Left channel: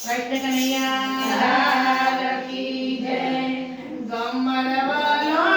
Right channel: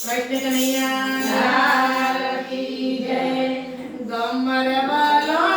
કૃષ્ણ કનૈયા ગમર વલોણ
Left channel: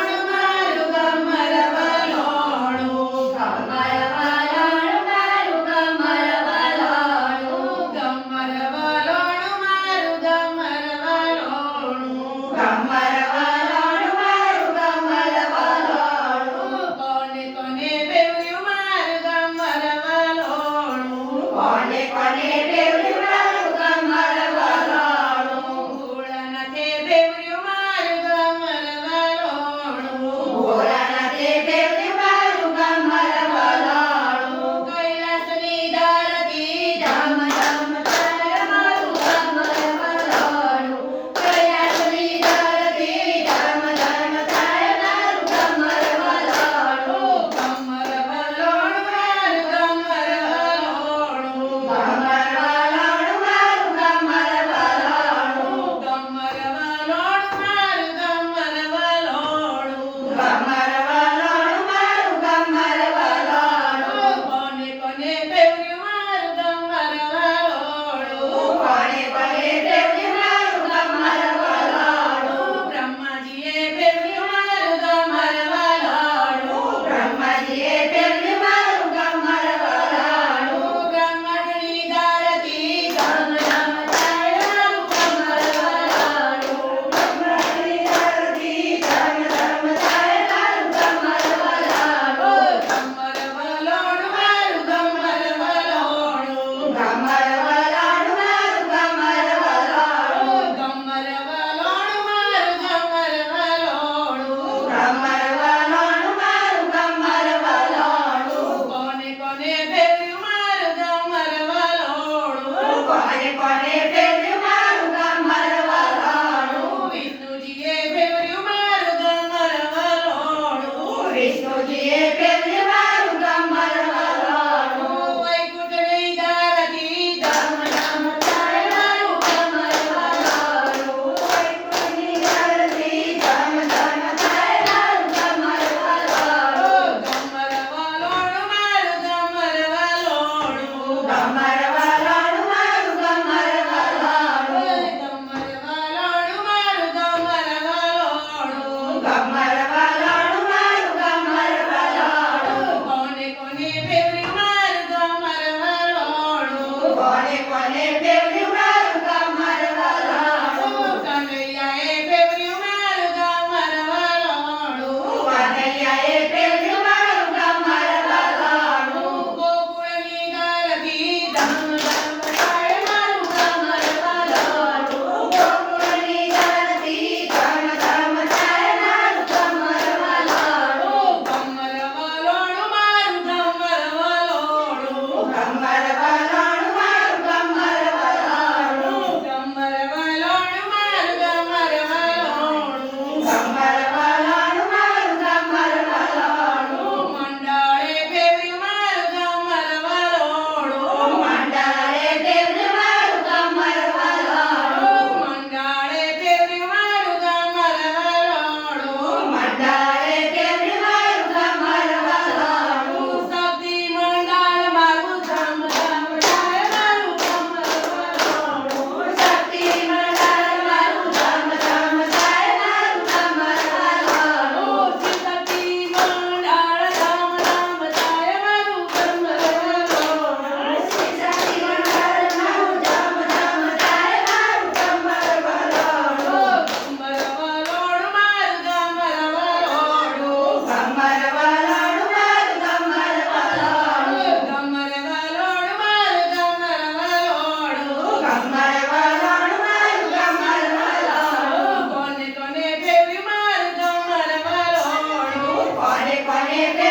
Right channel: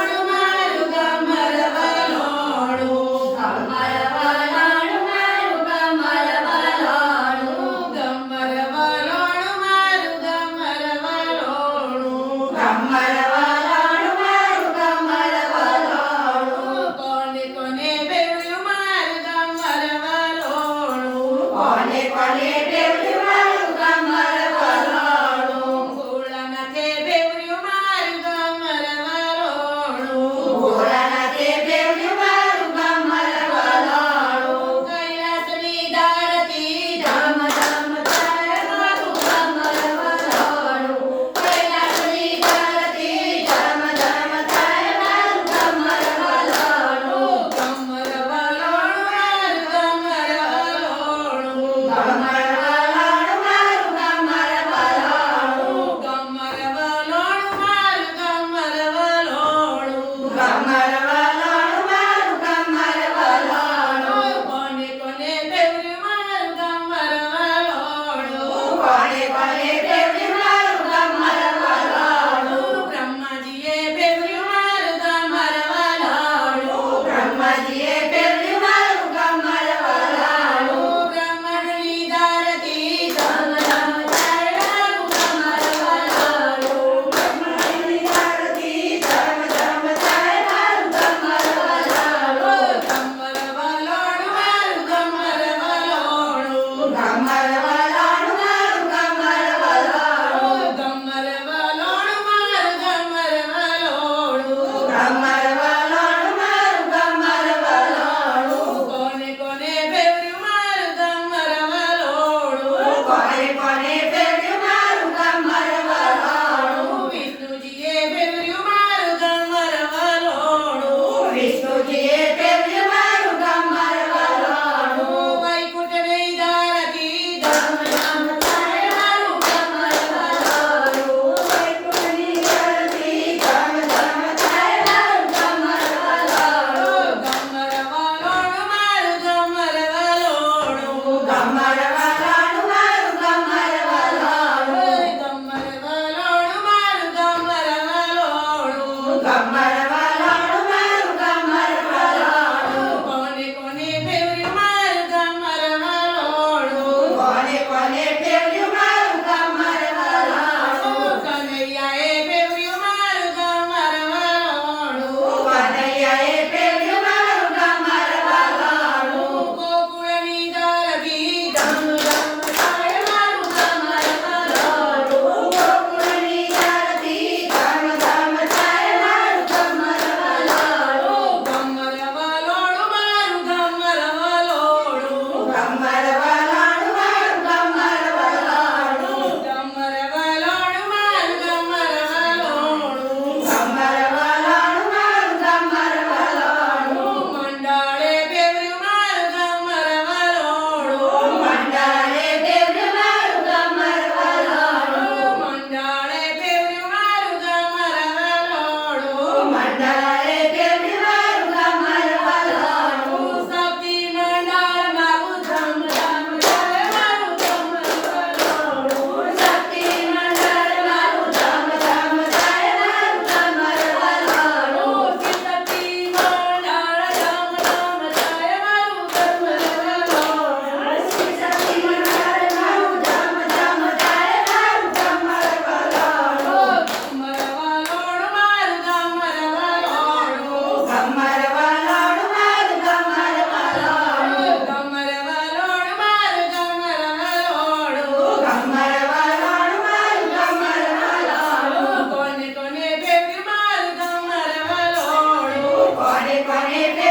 করে